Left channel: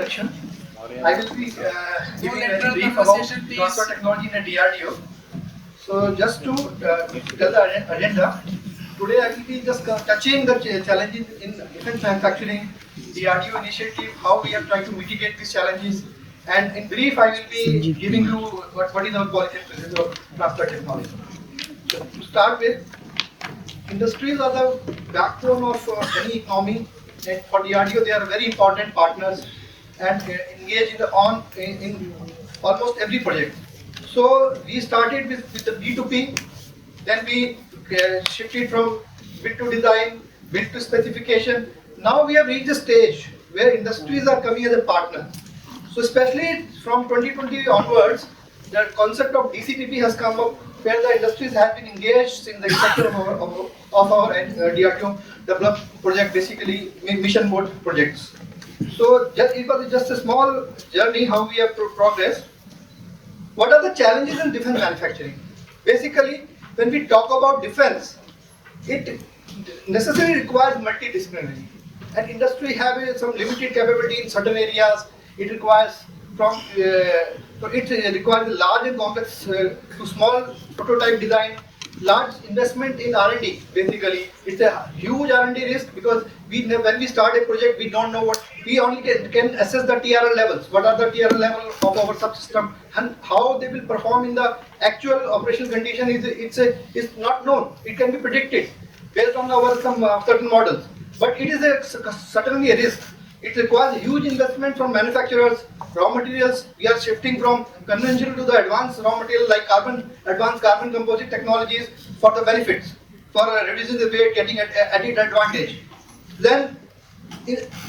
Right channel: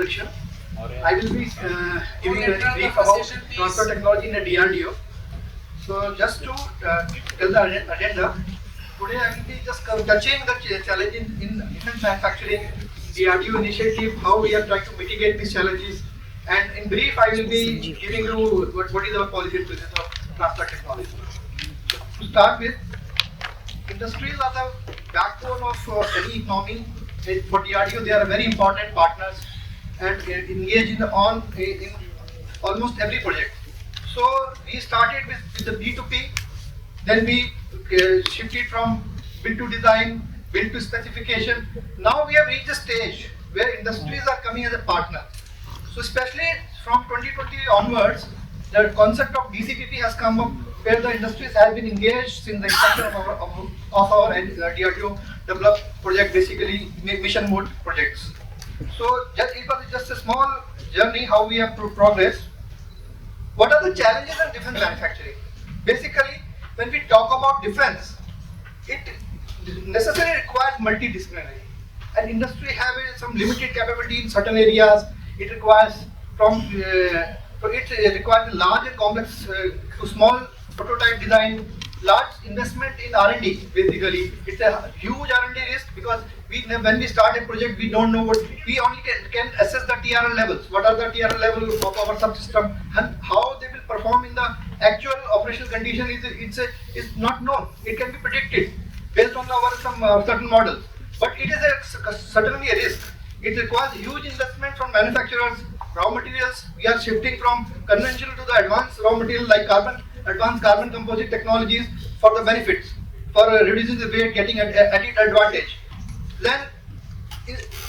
introduction. I will be giving a brief about transfer technology in the DRDO. So just to tell the agenda, today I will be just touching the challenges in defense manufacturing, DRDO initiative, how we are trying to mitigate these challenges, and in brief I will be giving you what is our policy presence of transfer technology. So, to start with, industries are the backbone of any economy. And for DRDO, they are very important partners and engage in almost every project. So we started with the B2P, then we shifted from build to design, build to specification. Now we have reached a stage where industries are coming as a partner. So especially from 2020 onwards, the concept of DCPP has come up, where the industries have been engaged in the structure of our DRDO developed project, basically mission mode projects. So it was just a small journey how we have progressed. What are the challenges in defense manufacturing? Basically, when we talk about defense, it necessarily requires multidisciplinary. And industry have some limited capability in certain areas. It requires it requires a large and complex to small prototype design, large investment in R&D. Basically, it's a huge R&D risk because when we start a project, we don't know we only can assess the TRL levels. What are the TRL levels of our subsystem and how they will perform in the actual operational condition is not known. It can be predicted based on some certain models, but it is certainly a risk. It requires huge investment from manufacturers. Raw materials, we are shifting from conventional to the advanced raw material like advanced carbon composite technologies for the benefits, for reducing the weight, getting added advantage. Then,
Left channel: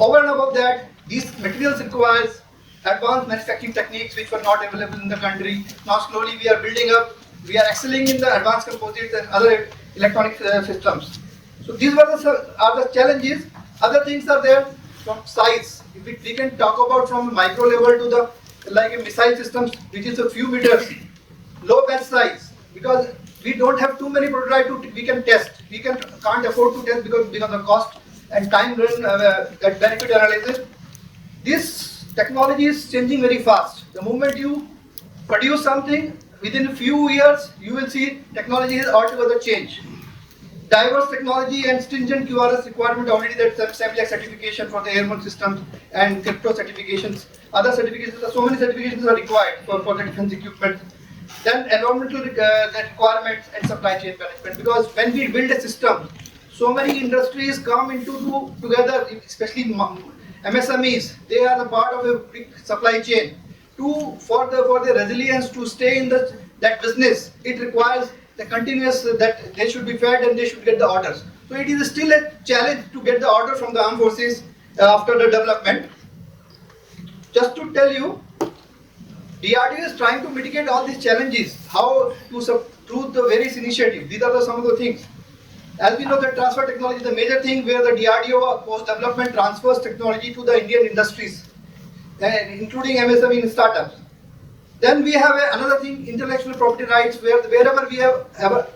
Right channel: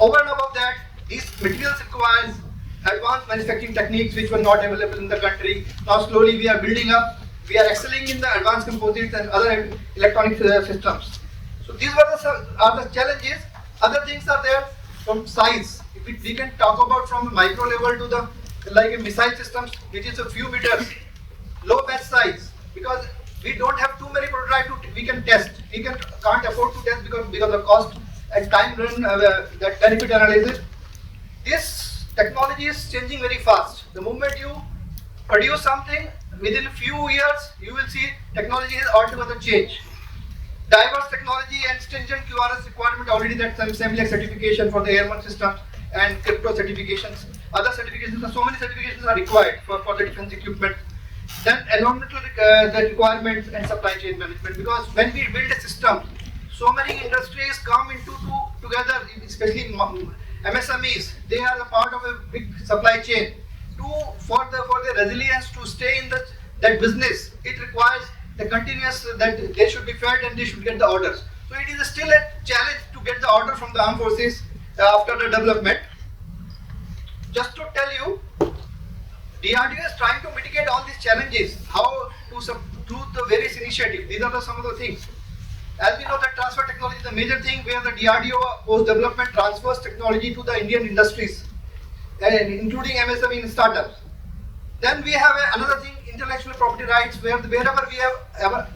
over and above that, these materials requires advanced manufacturing techniques which were not available in the country. Now slowly we are building up, we are excelling in the advanced composites and other electronic systems. So these are the challenges. Other things are there from size. If we can talk about from micro level to the a missile systems, which is a few meters, low batch size, because we don't have too many prototypes we can test. We can't afford to test because of cost and time run that benefit analysis. This technology is changing very fast. The moment you produce something, within a few years, you will see technology is altogether changed. Diverse technology and stringent QRS requirement already, that SEMILAC certification for the airborne systems and crypto certifications. Other certifications, so many certifications are required for the defense equipment. Then environmental the requirements and supply chain management, because when we build a system, so many industries come together, especially MSMEs. They are the part of a big supply chain. For the resilience to stay in that business, it requires the continuous that they should be fed and they should get the orders. So it is still a challenge to get the order from the armed forces after the development. Just to tell you, DRDO is trying to mitigate all these challenges. How through the various initiatives. These are some of the things. As we know, that transfer technology is the major thing where the DRDO post-development transfers technology to the Indian industries, including MSME and startups. Then we have another thing, intellectual property rights, wherever we have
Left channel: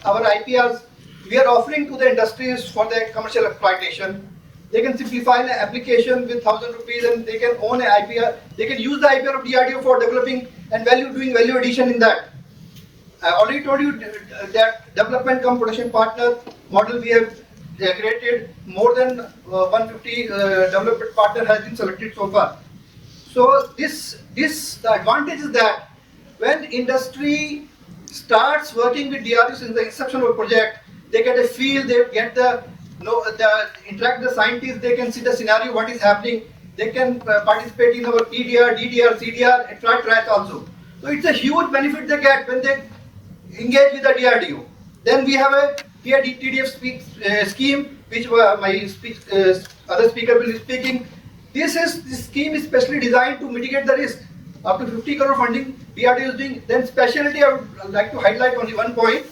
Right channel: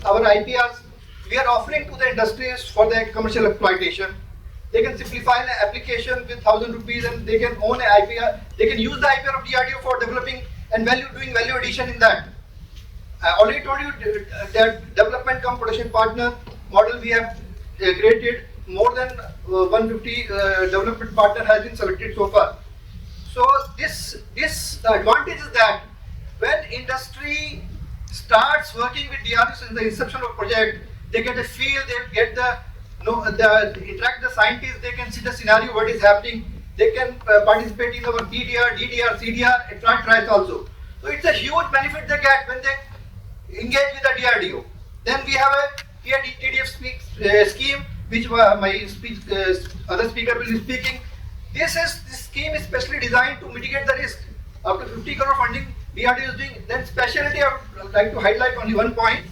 our IPRs, we are offering to the industries for their commercial exploitation. They can simplify an application with 1,000 rupees and they can own an IPR. They can use the IPR of DRDO for developing and doing value addition in that. I already told you that development cum production partner model we have created. More than 150 development partner has been selected so far. So the advantage is that when industry starts working with DRDO since the inception of a project, they get a feel, they get interact with the scientists, they can see the scenario, what is happening, they can participate in our PDR, DDR, CDR, extra trials also. So it's a huge benefit they get when they engage with the DRDO. Then we have a TDF scheme, which other speaker will be speaking. This scheme is specially designed to mitigate the risk. Up to 50 crore funding DRDO is doing. Then specialty, I would like to highlight only one point,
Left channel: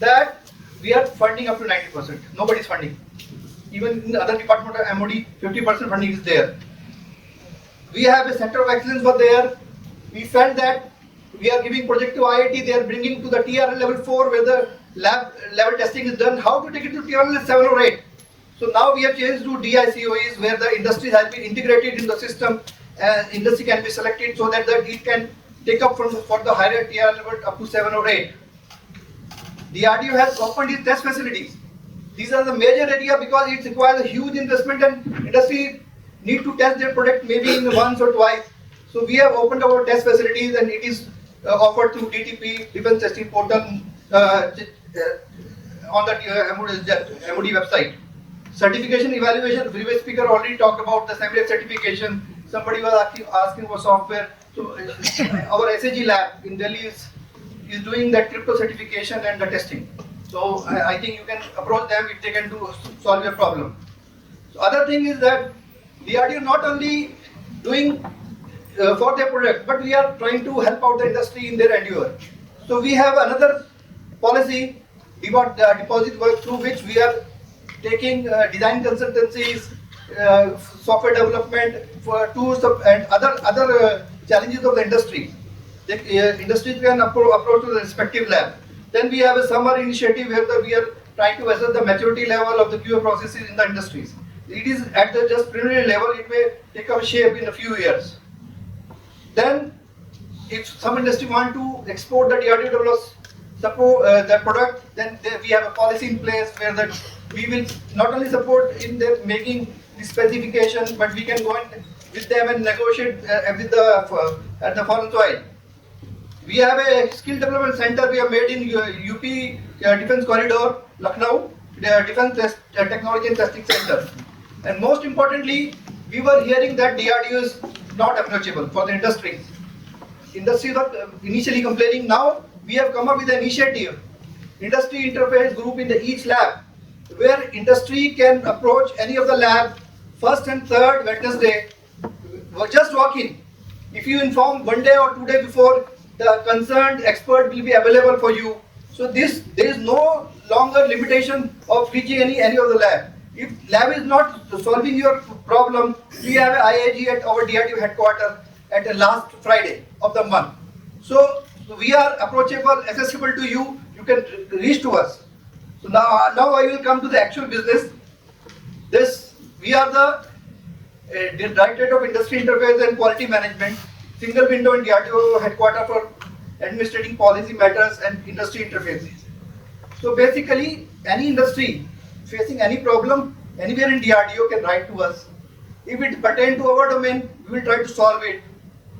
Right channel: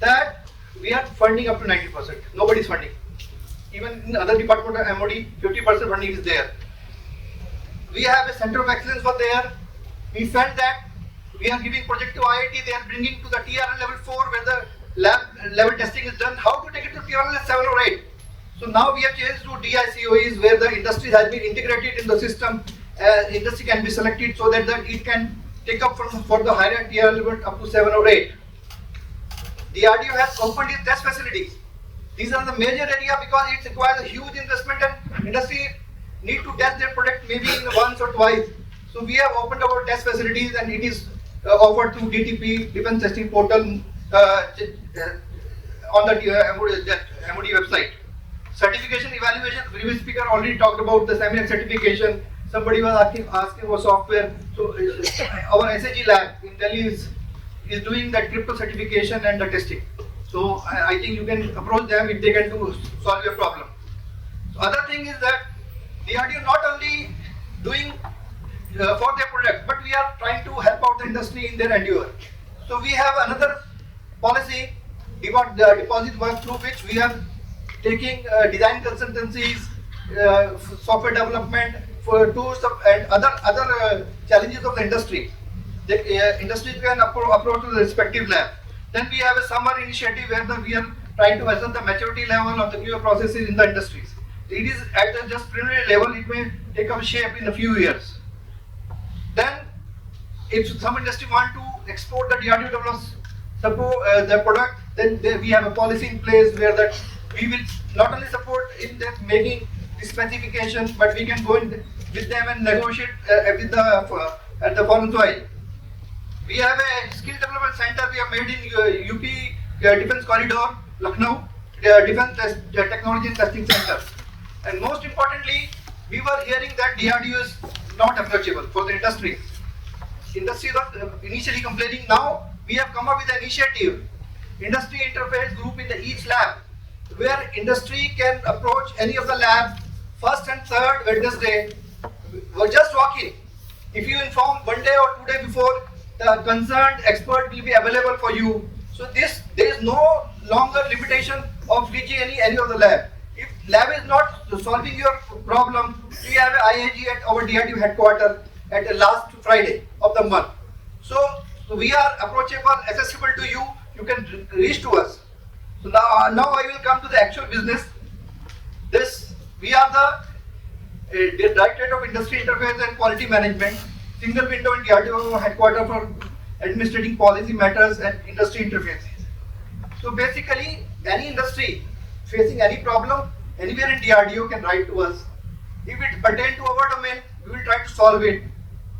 that we are funding up to 90%. Nobody is funding. Even in the other department of MOD, 50% funding is there. We have a center of excellence for there. We felt that we are giving project to IIT, they are bringing to the TRL level 4 where the lab level testing is done. How to take it to TRL 7 or 8? So now we have changed to DIIQM where the industry has been integrated in the system industry can be selected so that it can take up for the higher tier level up to 7 or 8. DRDO has opened its test facilities. These are the major area because it requires a huge investment and industry need to test their product maybe in once or twice. So we have opened our test facilities and it is offered through DTP, Defense Testing Portal, on the MOD website. Certification evaluation, previous speaker already talked about the SAMILAC certification. Somebody was asking for software. So our SAG lab in Delhi is doing that crypto certification and the testing. So I think you can approach them if they can solve your problem. So other thing is that DRDO not only doing for their product, but we are trying to help out the industry in their endeavor. So we have another policy, deposit work, through which we are taking design consultancies, software development for tools and other challenges of the industry. The industry can approach to the respective lab. Then we have a summer initiative where we are trying to assess the maturity level of the QA processes in the industries. It is at the just preliminary level, it may take up shape in a few years. Then if some industry want to export the DRDO develops the product, then we have a policy in place where that we will not only support in their making the specification, but we can go in with them and negotiate with at the foreign soil. We have a skill development center we have made in UP Defense Corridor, Lucknow, Defense Technology and Testing Center. And most importantly, we were hearing that DRDO is not approachable for the industry. Industry was initially complaining. Now we have come up with an initiative, industry interface group in each lab, where industry can approach any of the labs first and third Wednesday. Just walk in. If you inform 1 day or 2 days before, the concerned expert will be available for you. So there is no longer limitation of reaching any of the lab. If lab is not solving your problem, we have an IAG at our DRDO headquarters at the last Friday of the month. So we are approachable, accessible to you. You can reach to us. So now I will come to the actual business. We are the Directorate of Industry Interface and Quality Management, single window in DRDO headquarters for administrating policy matters and industry interfaces. So basically, any industry facing any problem anywhere in DRDO can write to us. If it pertains to our domain, we will try to solve it.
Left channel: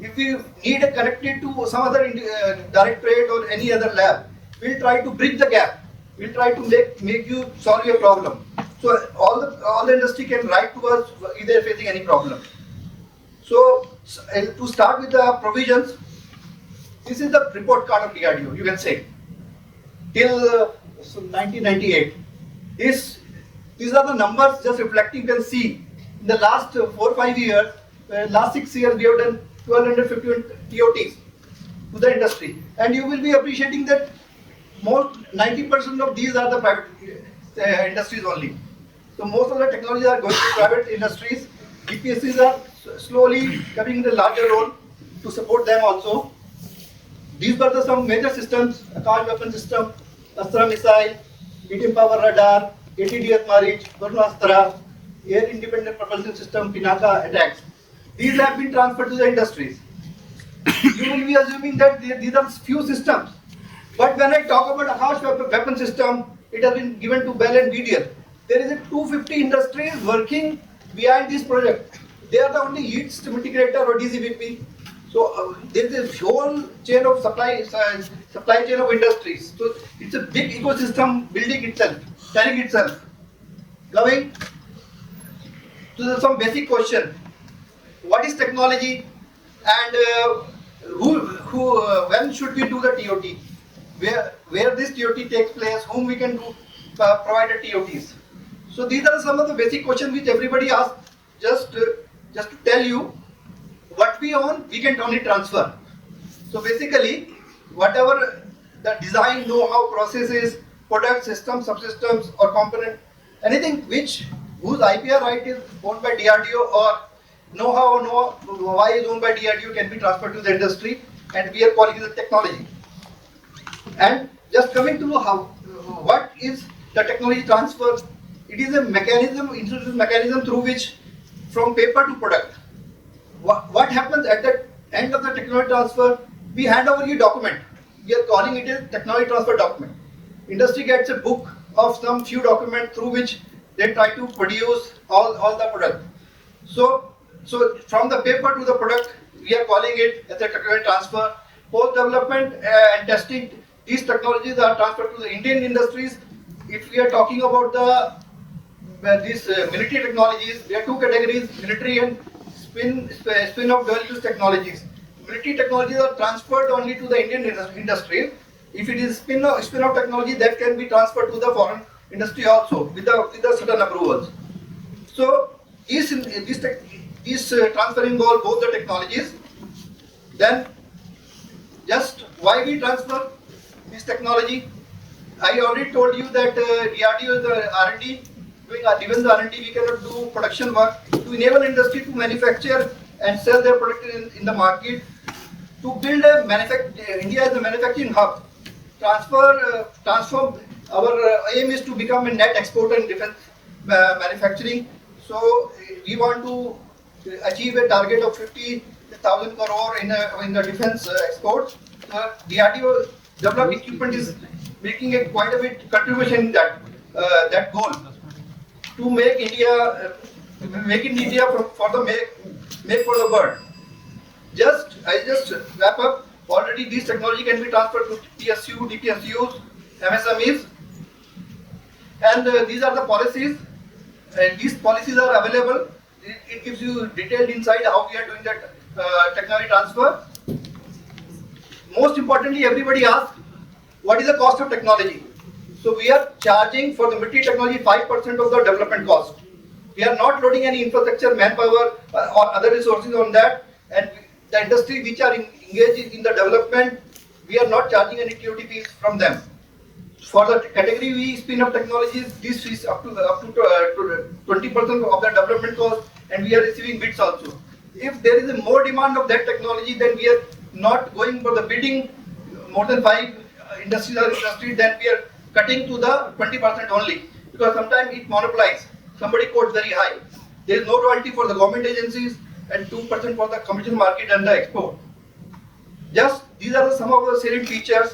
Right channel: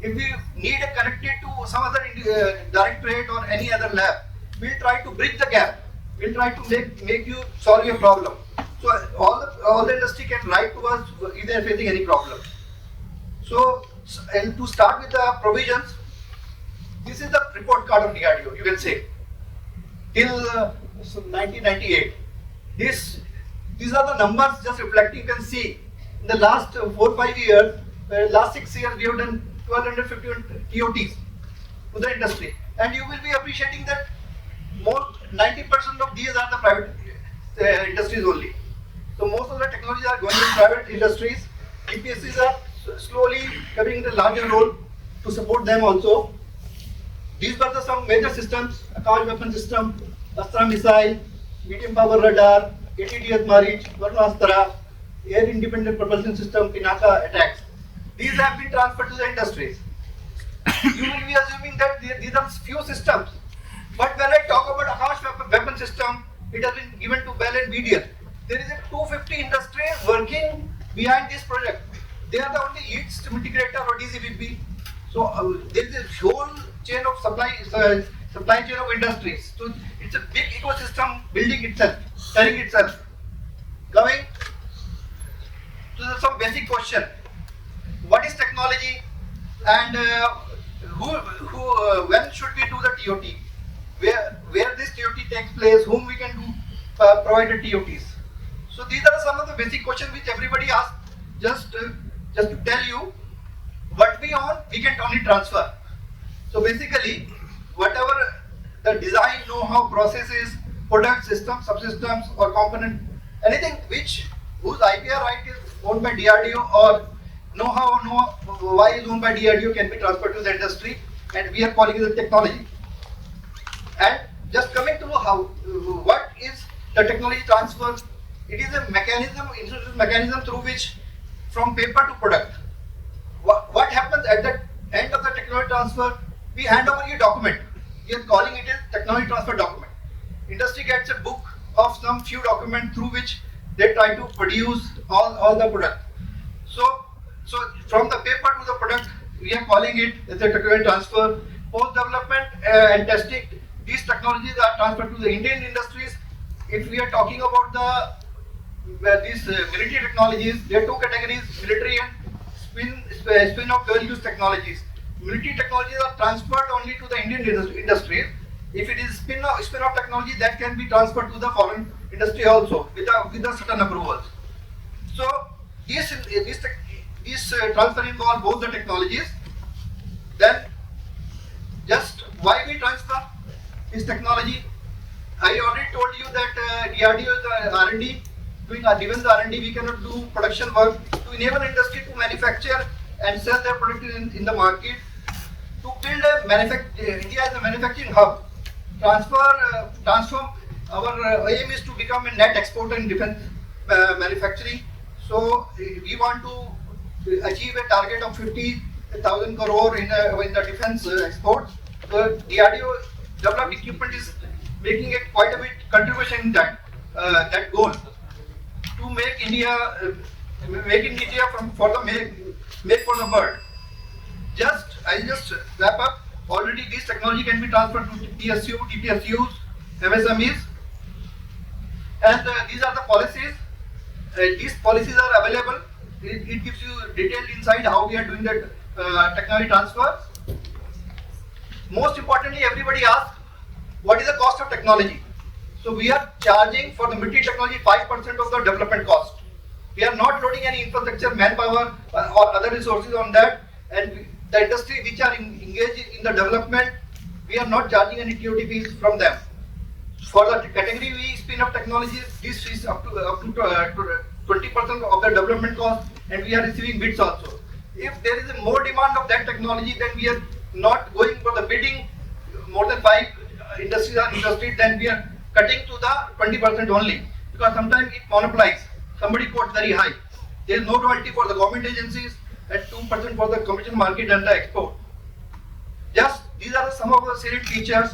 If we need a connected to some other directorate or any other lab, we'll try to bridge the gap. We'll try to make you solve your problem. So all the industry can write to us if they're facing any problem. So to start with the provisions, this is the report card of DRDO, you can say, till 1998. These are the numbers just reflecting. You can see in the last 4 or 5 years, last 6 years, we have done 1251 TOTs to the industry, and you will be appreciating that most 90% of these are the private industries only. So most of the technologies are going to private industries. GPSCs are slowly coming in a larger role to support them also. These were some major systems: Akash weapon system, Astra missile, medium power radar, ATDS Marich, Varnastra, air independent propulsion system, Pinaka attacks. These have been transferred to the industries. You will be assuming that these are few systems. But when I talk about Akash weapon system, it has been given to Bell and BDL. There is a 250 industries working behind this project. They are the only lead system integrator or DCVP. So there is a whole chain of supply chain of industries. So it's a big ecosystem building itself, turning itself. Coming to some basic question: what is technology, and when should we do the TOT? Where this TOT takes place? Whom we can provide the TOTs? So these are some of the basic questions which everybody asks. Just to tell you, what we own, we can only transfer. So basically, whatever the design, know-how, processes, product, system, subsystems, or component, anything whose IPR right is owned by DRDO or know-how, why is owned by DRDO, can be transferred to the industry, and we are calling it the technology. And just coming to what is the technology transfer? It is a mechanism, introduced mechanism through which from paper to product. what happens at the end of the technology transfer? We hand over the document. We are calling it a technology transfer document. Industry gets a book of some few documents through which they try to produce all the product. So from the paper to the product, we are calling it as a technology transfer. Post development and testing, these technologies are transferred to the Indian industries. If we are talking about these military technologies, there are two categories: military and spin-off dual-use technologies. Military technologies are transferred only to the Indian industry. If it is spin-off technology, that can be transferred to the foreign industry also with the certain approvals. So these transfer involve both the technologies. Then just why we transfer this technology? I already told you that DRDO is the R&D. Given the R&D, we cannot do production work. To enable industry to manufacture and sell their product in the market, to build India as a manufacturing hub. Transform. Our aim is to become a net exporter in defense manufacturing. So we want to achieve a target of 50,000 crore in the defense exports. So DRDO developed equipment is making quite a bit contribution in that goal to make India for the world. I just wrap up. Already this technology can be transferred to PSU, DPSUs, MSMEs, and these are the policies. These policies are available. It gives you detailed insight how we are doing that technology transfer. Most importantly, everybody asks, what is the cost of technology? So we are charging for the military technology 5% of the development cost. We are not loading any infrastructure, manpower, or other resources on that. And the industry which are engaged in the development, we are not charging any TOT fees from them. For the category V spin-off technologies, this is up to 20% of the development cost, and we are receiving bids also. If there is a more demand of that technology, then we are not going for the bidding. More than 5 industries are interested, then we are cutting to the 20% only, because sometimes it monopolizes. Somebody quotes very high. There is no royalty for the government agencies and 2% for the commercial market and the export. Just these are some of the salient features.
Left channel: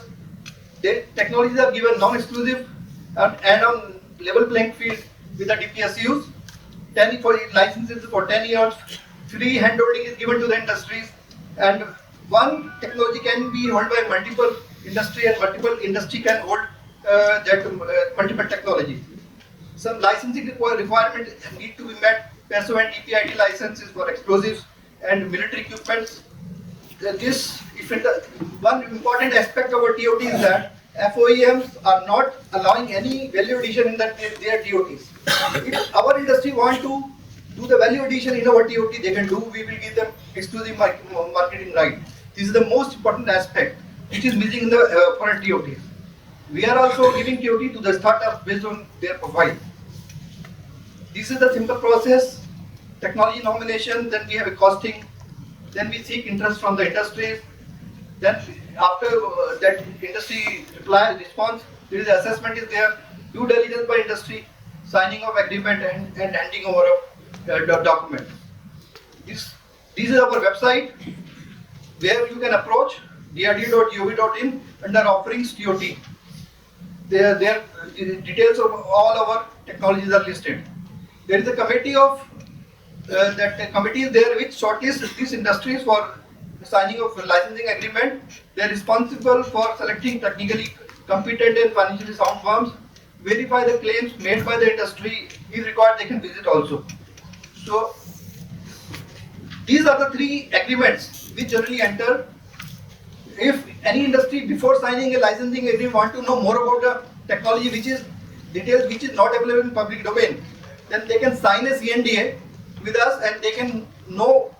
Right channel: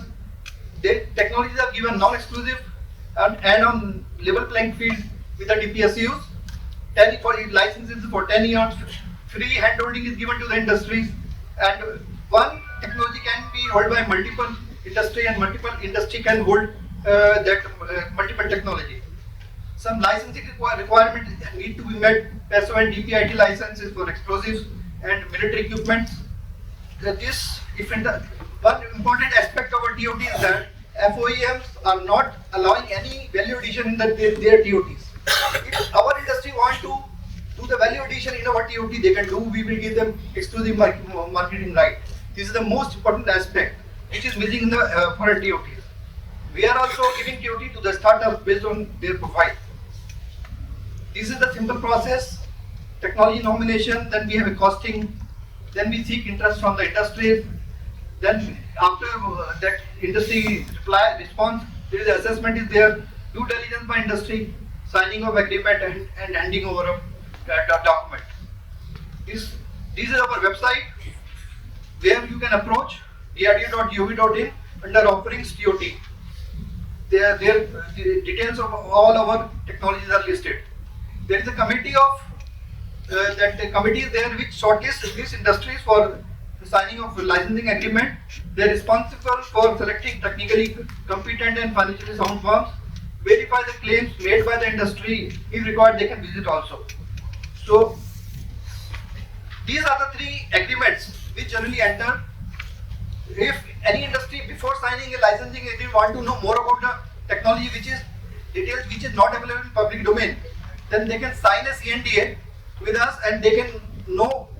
The technologies are given non-exclusive and on level playing field with the DPSUs. 10 for licenses for 10 years. Free handholding is given to the industries, and one technology can be held by multiple industry, and multiple industry can hold multiple technology. Some licensing requirements need to be met. PESO and DPIT licenses for explosives and military equipments. One important aspect of our TOT is that FOEMs are not allowing any value addition in their TOTs. If our industry want to do the value addition in our TOT, they can do. We will give them exclusive marketing right. This is the most important aspect which is missing in the foreign TOTs. We are also giving TOT to the startups based on their profile. This is the simple process. Technology nomination, then we have a costing, then we seek interest from the industries. Then after that industry response, there is assessment is there, due diligence by industry, signing of agreement and handing over of the document. This is our website where you can approach drdo.gov.in under offerings TOT. There details of all our technologies are listed. There is a committee is there which shortlists these industries for signing of licensing agreement. They are responsible for selecting technically competent and financially sound firms, verify the claims made by the industry. If required, they can visit also. So these are the 3 agreements which generally enter. If any industry before signing a licensing agreement want to know more about the technology which is details which is not available in public domain, then they can sign a CNDA with us and they can know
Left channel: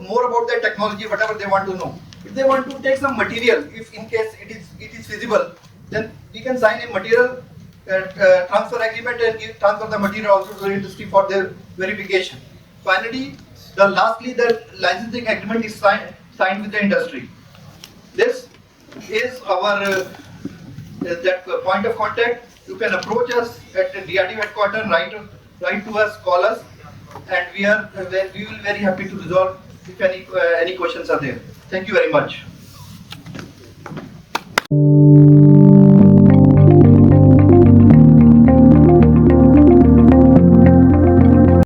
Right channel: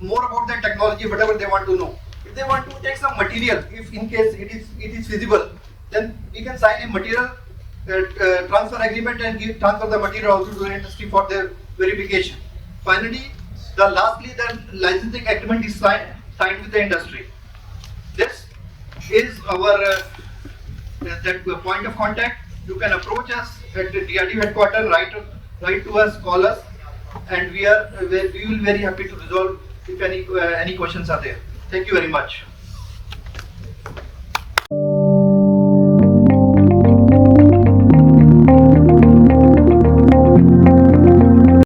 more about that technology, whatever they want to know. If they want to take some material, if in case it is feasible, then we can sign a material transfer agreement and transfer the material also to the industry for their verification. Finally, lastly, the licensing agreement is signed with the industry. This is our that point of contact. You can approach us at the DRDO headquarters, write to us, call us, and we will very happy to resolve if any questions are there. Thank you very much.